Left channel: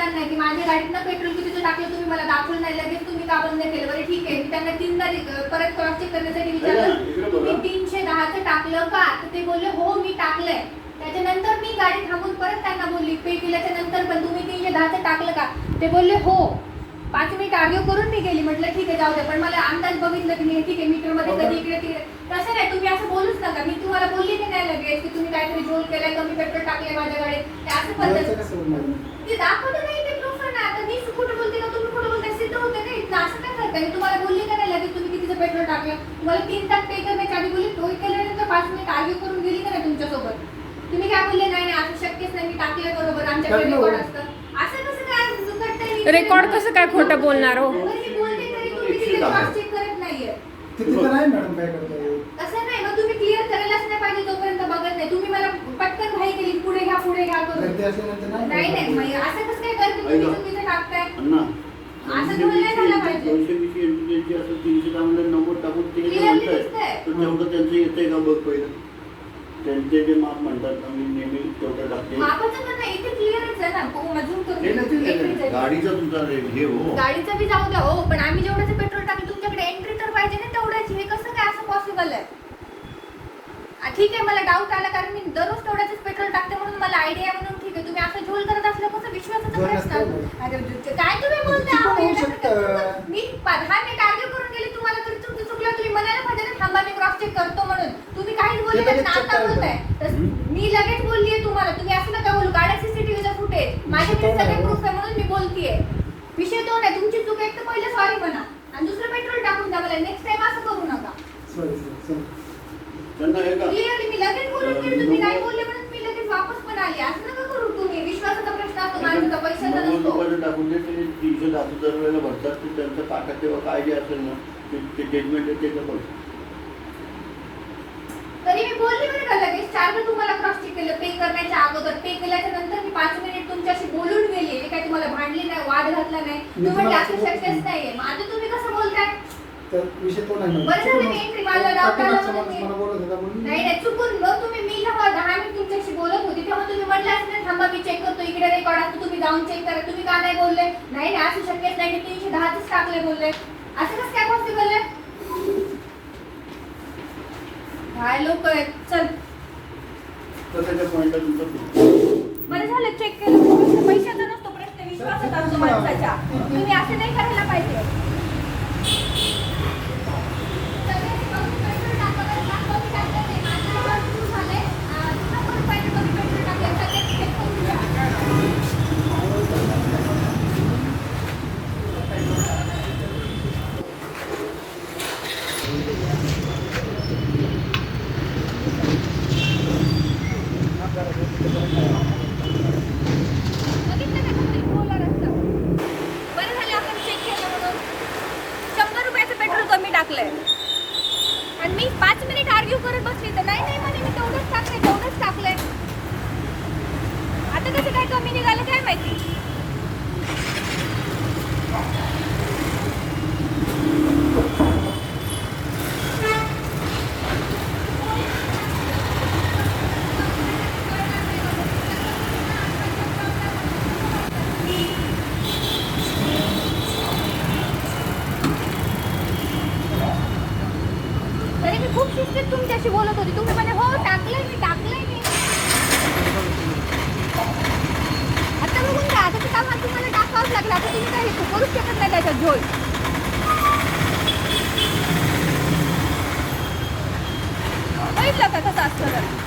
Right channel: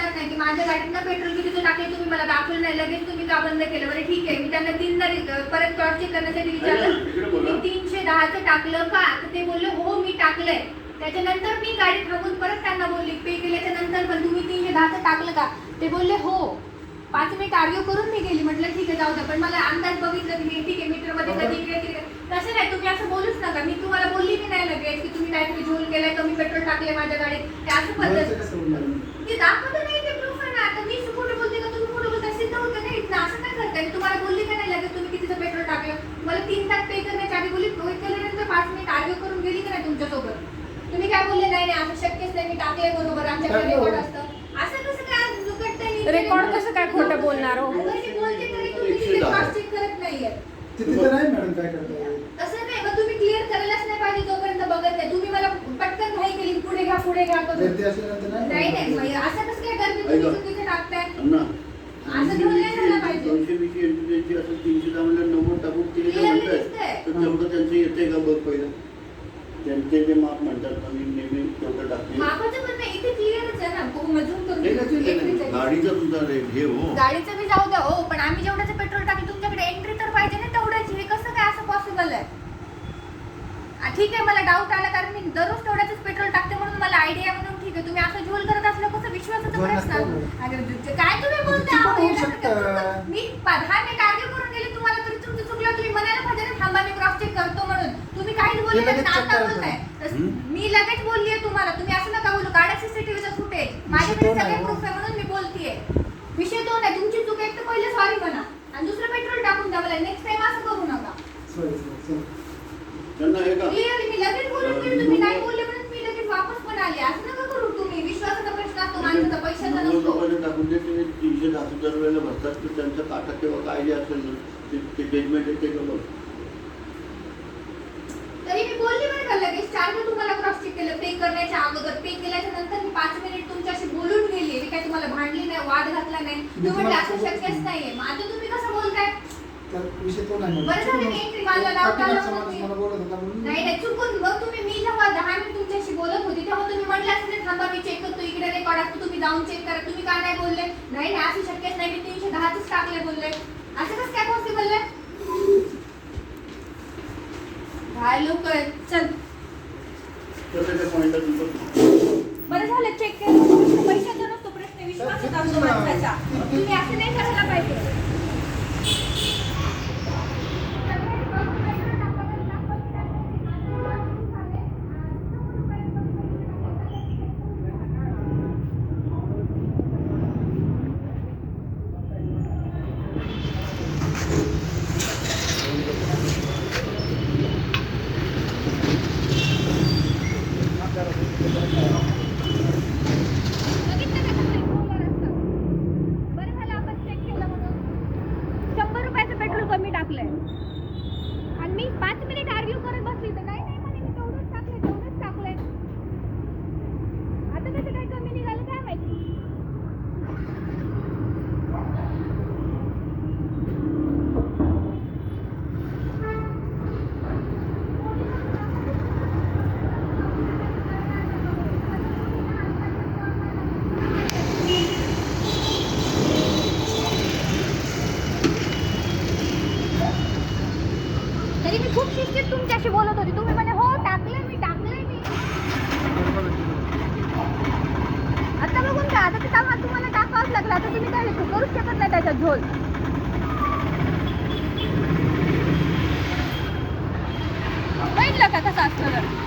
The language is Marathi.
त्यांना की माझ्या गाडीत ना पेट्रोल कितीचं टाकले तुम्ही मला दाखवलं नाही, लगेच तुम्ही का बंद केलं? बरं ठीक आहे, मी त्यांना 3दा परत क्रॉस चेक करण्यासाठी विचारलं तुम्ही 310चं टाकलं का? तर ते बोलले हो मी टाकलंय. त्याच्यानंतर मी गाडी थांबून परत त्यांना बोलली पे केल्याच्या नंतर पण तुम्ही 310चं टाकलं का? ते बोलले हो. 5 मिनिट आर्ग्यू करून मी गेली. म्हटलं ठीक आहे जाऊ द्या, पण मला अंदाज बघितलं की मी ठीक आहे मीटर मध्ये कधी इकडे तिकडे तसं नाही. तुम्ही असं बोलूच नका. मी तुम्हाला बोलली की नाही लगेच की तुम्ही काहीतरी झोल केलाय, कमी पेट्रोल टाकले माझ्या गाडीत, ते असं पद्धत ते दाखवत नाही. ते प्रूफ आहे ना. आता मी कुठे बोलते का तुम्ही कुठे बोलताय सिद्ध होतं नाही. असं काय करताय? मी तुम्हाला बोलली का नाही लगेच तुम्ही कितीचं पेट्रोल टाकलं? मला 3 तास पे करण्याच्या आधी बोलली, टोल केल्यानंतर 5 मिनिट आर्ग्यू करून गेली का नाही तुमच्यासोबत? तुम्ही काय बोलले नाही नाही असं शक्यच नाही, मी टाकलंय बरोबर, आमच्याकडे रेकॉर्ड असतं. असं कसं काय रेकॉर्ड कसं काय खोटं बोलणार हो? मी बोलते तरी तुम्ही तिथे क्रॉस चेक करत नाहीये. तिथे तर नाही मॅडम काय करताय? असं नाही, मग तुम्ही क्लिअर करायलाच नाही पाहिजे जोपर्यंत बघत नाही. तुम्ही मला पटकन घाई केली, पुढे घ्या करून. गर्दी असल्यानंतर नाही नाही, मग असं कसं काय करते तुम्ही चुकीचं टाकताय? अण्णा असं थोडं नाही झालं पाहिजे. 220 असं 310 म्हणलं 90 टाकून तिने काय Clearly म्हणताय दिसतंय. तर तेवढं त्यांचं येतंय का बघ पहिलं. त्यांचे जे माप म्हणतात ना मी नेहमी तेवढं टाकते. मापाचं पण नाही, इथे क्लिअरच आहे ना. मजूर करून नाही ना ते गाडीचा तुझा हे हो गाडीचं बी जाऊ द्या हो, पण आम्ही जेवढ्याचं पेट्रोल टाकलं तुमच्याकडे एंट्री तर पाहिजे ना तेवढंच. हे कसं काय असं पॉसिबल आहे? ठीक आहे मला डाऊट आला कारण मी दररोज तेवढ्याच पेट्रोल टाकते म्हणून मला आयडिया म्हणून ठीक आहे. तुम्ही असं झोल करत असलं कसं विश्वासाचा प्रश्न काय तुम्ही बोलताय? मी 10 मिनिट आर्ग्यू करून गेले तुम्हाला तरी चुकलं. तुम्ही म्हणायला पाहिजे ना थांबा मी क्रॉस चेक करतो म्हणून. तुम्ही काहीच बोलले नाही, आता बोलताय. मी लगेच बोललीये तुम्हाला, तुम्ही असं नका बोलू. काढा सीसीटीव्हीचा फुटेज, माझ्याकडे सगळे प्रूफ आहे म्हणून मी बोलतीये. विषय तो नाही, तुमची चूक एक तर पहिले सॉरी म्हणा आणि दुसरं पेट्रोल टाकून द्या मला. नेक्स्ट टाइम असं करू नका. त्यांना हे का क्लिअरली मी लगेच बोलून गेले, तुम्ही नाही बोलले म्हणून मी लगेच वापस पण आले. असं नका करू तुम्ही. विश्वासाचा प्रश्न असतो माणसाचा, पैशाचा 90 नसतो. रुपयाचं टाकून दे. ते 310 दरवेळेला भरतात तर त्यांचा काटा तेव्हा काय जे असेल ना ते जजमेंट आहे ते बघ. तरी मी बोलली बरं का लगेच 4दा तुम्हाला क्रॉस चेक केलं पे करण्याच्या अगोदर. पे केल्याच्या नंतर मी 5 मिनिट तुमच्याशी बोलून गेली. मी काय तुम्हाला भांडली नाही, वाद घातला नाही. तुम्ही असं शक्यच नाहीये. मग आता तुम्ही कसं बोलताय? तर विषय तो नाही. बरं झालं मी एंट्री मारला, डाऊट आला म्हणून मला बोलत होता म्हणून नाही नाही चुकून. मग तुम्ही मी जेव्हा 10 मिनिट तुमच्याशी बोलत होती तेव्हा तुम्ही म्हटलं असं नाही थांबा मी चेक करतो, इकडे रेकॉर्ड असतो तुम्ही जाऊन चेक करा. तुम्ही का नाही बोलले? नाही नाही असं शक्यच नाही, मी 310च टाकले बोलले. असं कसं काय पॉसिबल आहे? काय लोक आहेत. चल स्वतःच्या पॉईंटला तुमचं बरं झालं चेक केलं. पैशाचा नसतो प्रश्न, विश्वासाचा असतो माणसाच्या. तुम्ही असं नाही करायला पाहिजे. आणि मी 5 मिनिट आर्ग्यू करत बसली तर नाही नाही म्हणे मी तेवढंच टाकलंय. आता कसं काय कमी निघालं काय माहिती. खूप सुस्तीत तुमच्याशी बोलत होती. तुम्ही म्हणे हो टाकलंय मी. आता बघून का आता ते काम तुम्हाला टाकावंच लागलं. आता तुम्ही काय करूच शकत नाही त्याच्यात झोल. बघितलं का कसं असतं.